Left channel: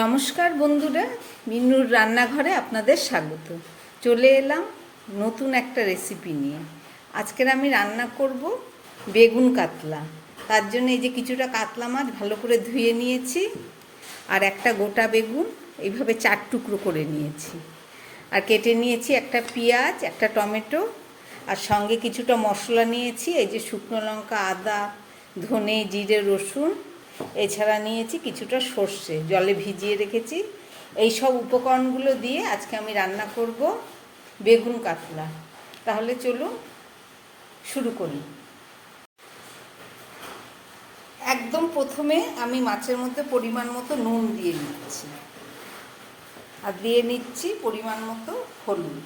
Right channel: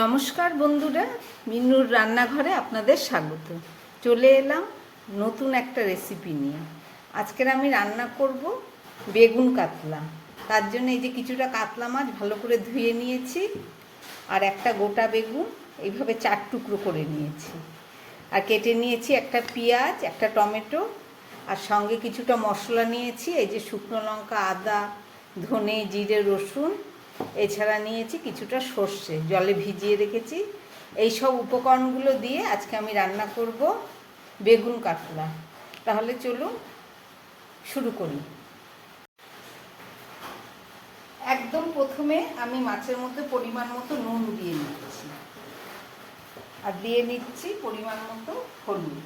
নমস্কার বন্ধুরা, মিন্নুর রান্নাঘরে আপনাদের স্বাগত। চলে এলাম নতুন একটা রেসিপি নিয়ে। আজকের আমি রান্না করব বেগুন কাতলা। তার জন্য এই যে কিছুটা কাতলা মাছ ভালো করে ধুয়ে নিয়েছি, আর একটা গোটা বেগুন এইভাবে 4 টুকরো করে নিয়েছি, আর কেটে নিয়েছি একটা পেঁয়াজ, একটা টমেটো, আর সঙ্গে কিছুটা মশলা নিয়েছি। এই যে শুকনো লঙ্কা, আদা, ধনে, জিরে, রসুন, এছাড়া নিয়েছি কিছুটা সর্ষে, জলে ভিজিয়ে রেখেছি। এই সব উপকরণগুলো দিয়ে আজকে আমি রান্না করব বেগুন কাতলা। তাহলে চলুন শুরু করি। একদম প্রথমে আমি মাছের মধ্যে পরিমাণ মতো নুন দিয়ে নিচ্ছি, আর দিয়ে নিচ্ছি পরিমাণ মতো হলুদ।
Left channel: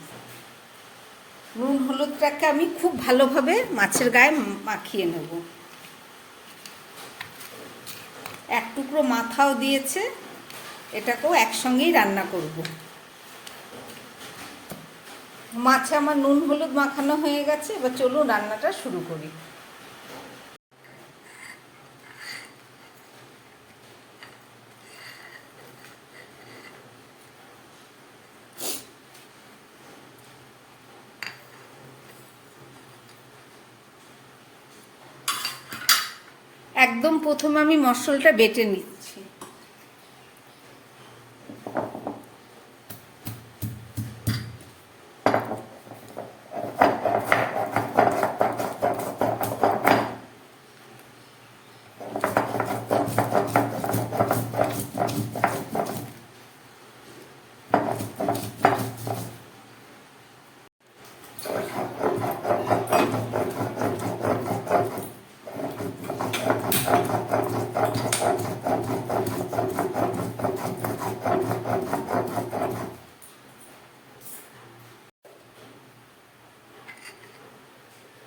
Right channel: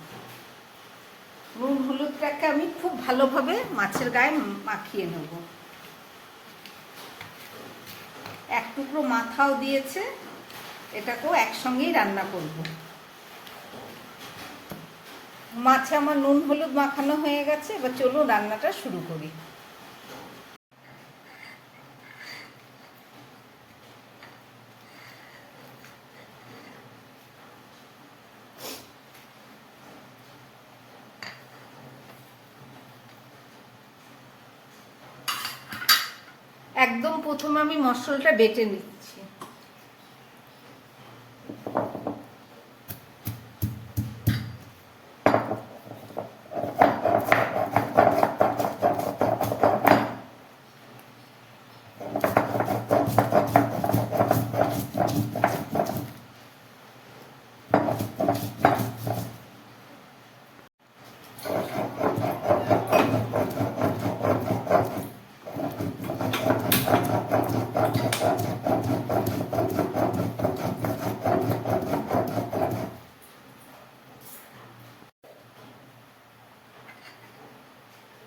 নুন হলুদটাকে আমি খুব ভালোভাবে মাছের গায়ে মাখিয়ে নেব। এক টুকরো মাথাও দিয়েছে, এটাকেও একসঙ্গেই রান্না করব। মাছে আমার নুন হলুদ মাখানো হয়ে গেছে, এবার চলুন রান্নাটা শুরু করি। একদম প্রথমে আমি মশলাটা বেটে নিচ্ছি।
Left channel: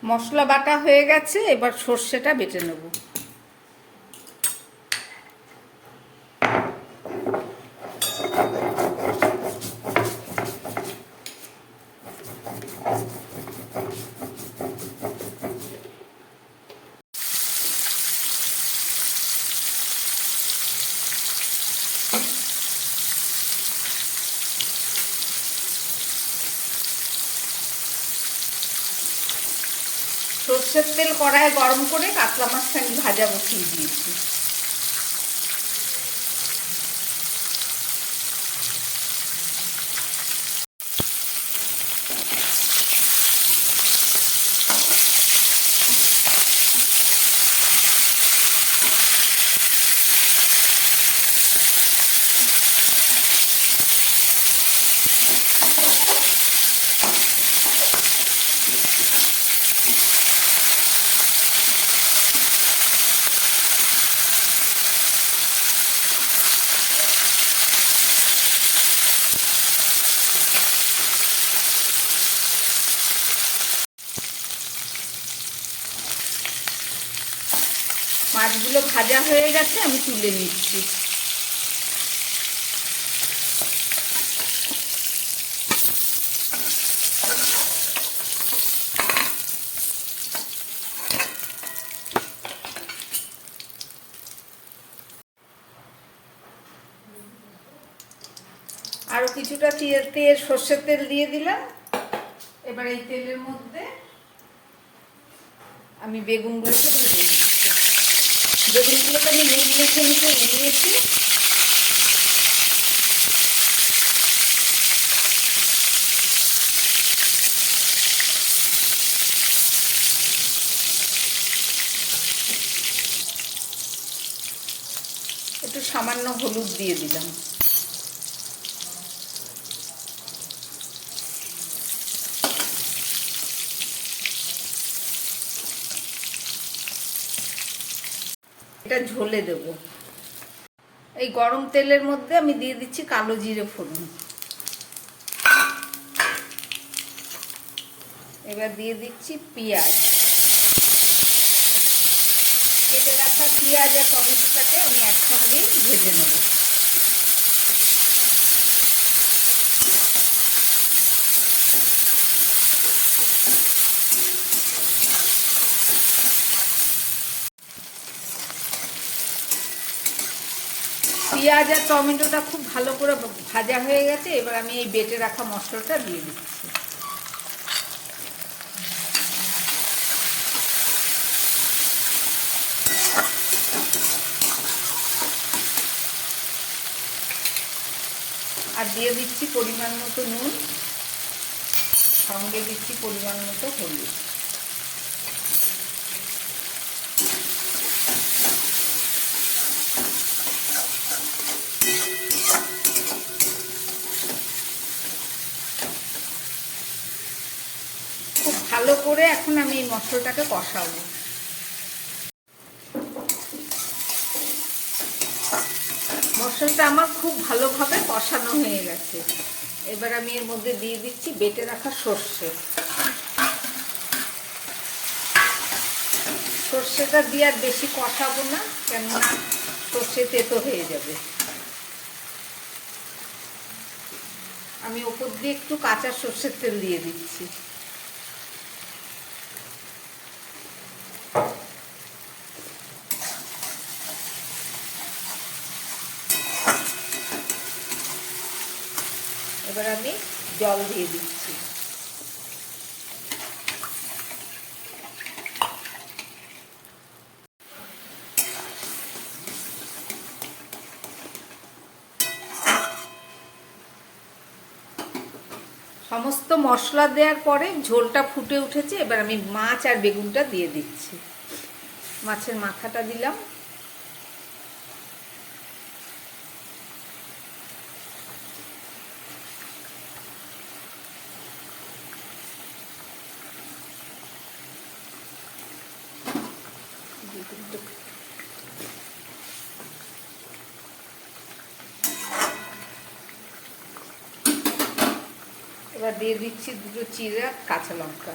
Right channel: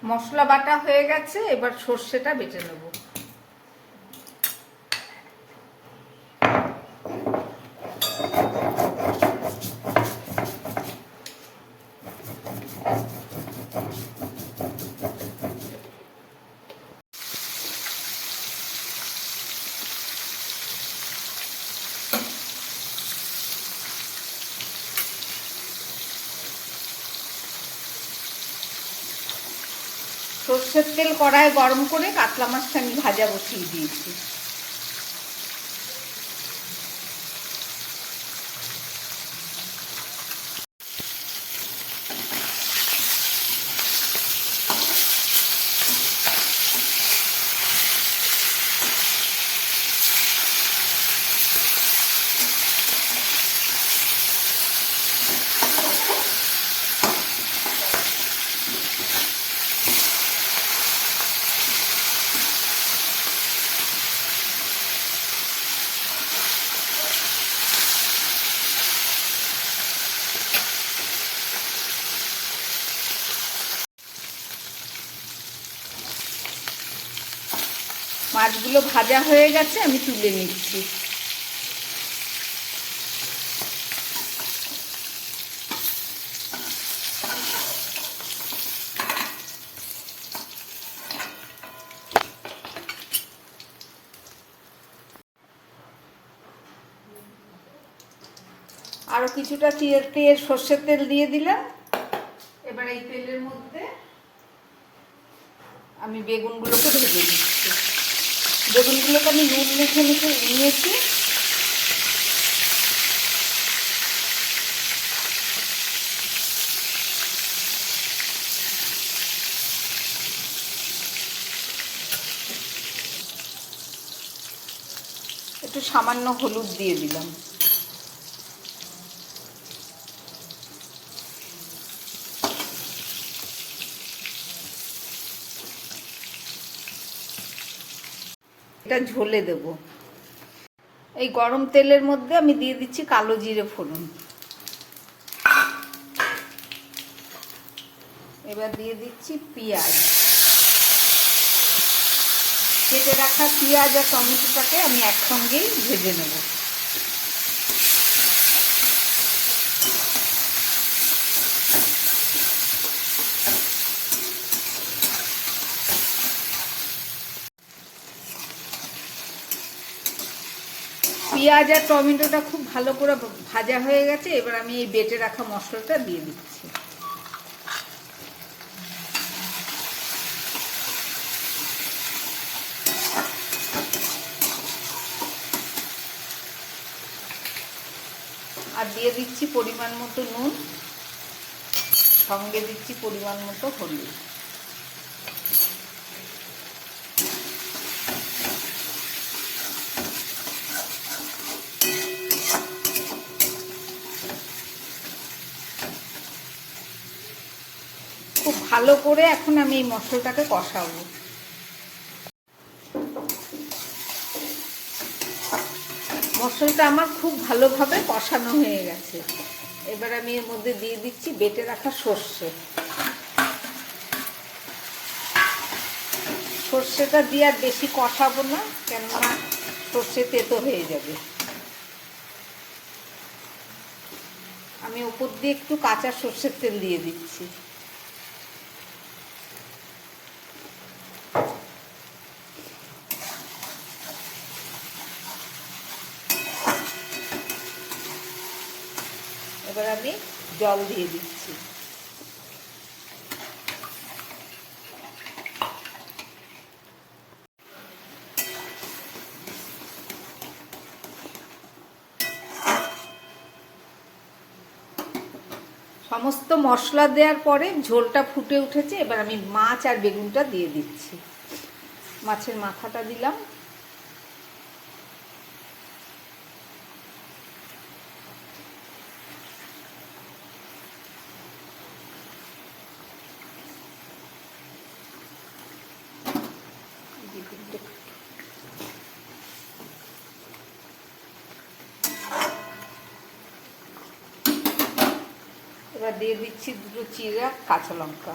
মশলা বাটা হয়ে গেছে, এবার সর্ষেটা বেটে নেব। সর্ষের তেল কড়ায় গরম করে কাতলা মাছটা আমি ভাজা বসিয়ে দিয়েছি। মাছগুলো ভাজা হয়ে গেছে, আমি তুলে নিচ্ছি। আরও কিছুটা তেল সর্ষের তেল দিয়ে দিলাম। এবার এই তেলের মধ্যে আমি বেগুনগুলোকে ভেজে দিচ্ছি। বেগুনগুলোকে আমি নুন মেখে নিয়েছি। একটু সামান্য হলুদ দিয়ে দিলাম। এটা ঝোলে দেব। এই গরম তেলের মধ্যে আমি দিয়ে দিচ্ছি কালো জিরে ফোড়ন। এবার দিয়ে দিচ্ছি পেঁয়াজ। কেটে রাখা পেঁয়াজ আর টমেটোটাকে আমি একসঙ্গেই ভেজে নেব। পেঁয়াজ আর টমেটোটা খুব ভালো করে ভাজা হয়ে গেছে। এবার আমি এই বেটে রাখা মশলাটা দিয়ে দিচ্ছি। আর দিয়ে দিচ্ছি পরিমাণ মতো নুন, সঙ্গে দিচ্ছি পরিমাণ মতো হলুদ। খুব ভালো করে এখন আমি এই মশলাটাকে কষাবো। মশলাটা আমার খুব ভালোভাবে কষানো হয়ে গেছে। এবার আমি এর মধ্যে দিয়ে দিচ্ছি বেটে রাখা সর্ষে। সর্ষেটা দিয়ে আর বেশি কষাবো না, কেননা সর্ষে তেতো হয়ে যাবে। আমি ওপর দিয়ে একটু কাঁচা সর্ষের তেল দিয়ে দিচ্ছি। এবার আমি জল দিয়ে দিচ্ছি। সমস্ত মশলা দেওয়ার পরে ঝোলটা ফুটে উঠেছে। এবার আমি মাছ আর বেগুনটা দিয়ে দিচ্ছি। মাছের মাথাটা দিলাম। এবার দিয়ে দিচ্ছি দুটো চিরা কাঁচা লঙ্কা।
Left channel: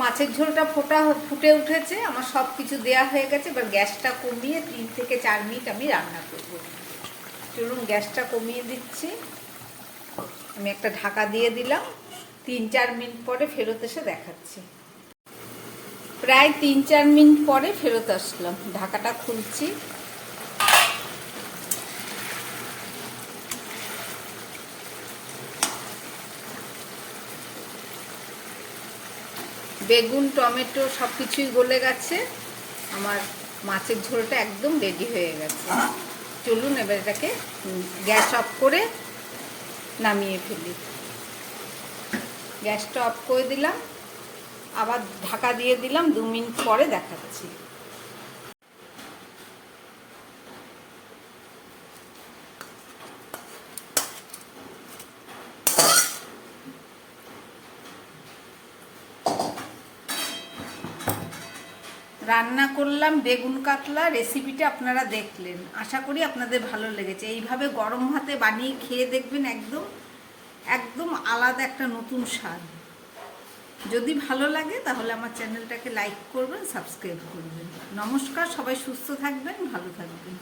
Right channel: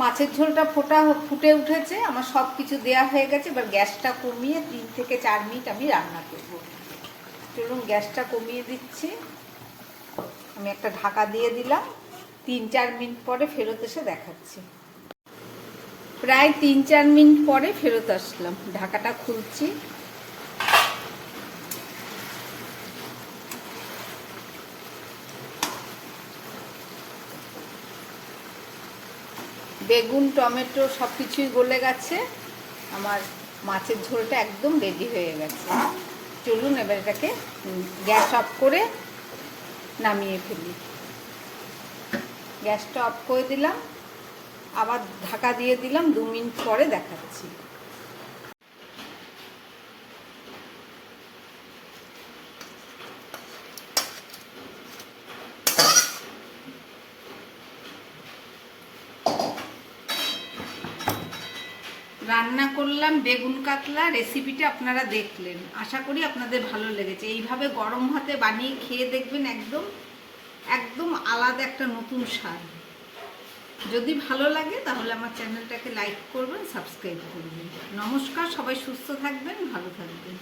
মাছের ঝোলটা ফুটে উঠেছে। আমার সব কিছু দেওয়া হয়ে গেছে। এবার গ্যাসটা কমিয়ে 3 থেকে 4 মিনিট আমি রান্না করব। চলুন গ্যাসটা কমিয়ে দিচ্ছি। আমি একটা ঢাকা দিয়ে দিলাম। 3-4 মিনিট পরে ফেরত এসে দেখাচ্ছি। প্রায় 3-4 মিনিট পরে ফেরত আসলাম। ঢাকাটা খুলছি। বেগুন টমেটো সব কিছুই গলে গেছে। আমার মাছের ঝোলটা একদম রেডি হয়ে গেছে। চলুন এবার এটাকে গ্যাস অফ করে নামিয়ে ফেলি। গ্যাসটা অফ করে দিলাম। আবার ঢাকা দিয়ে দিলাম। 2 মিনিট পরে দেখাচ্ছি। রান্না করলাম বেগুন কাতলা। রেসিপিটা আপনারা দেখলেন, আশা করি আপনাদের ভালো লেগেছে। এইভাবে গরম ভাতে বানিয়ে খেয়ে দেখবেন, একদম একদম আলাদা একটা নতুন স্বাদ। যদি ভালো লাগে তাহলে আমার চ্যানেলটাকে লাইক করবেন, সাবস্ক্রাইব করবেন। নমস্কার, সবাই সুস্থ থাকবেন, ভালো থাকবেন।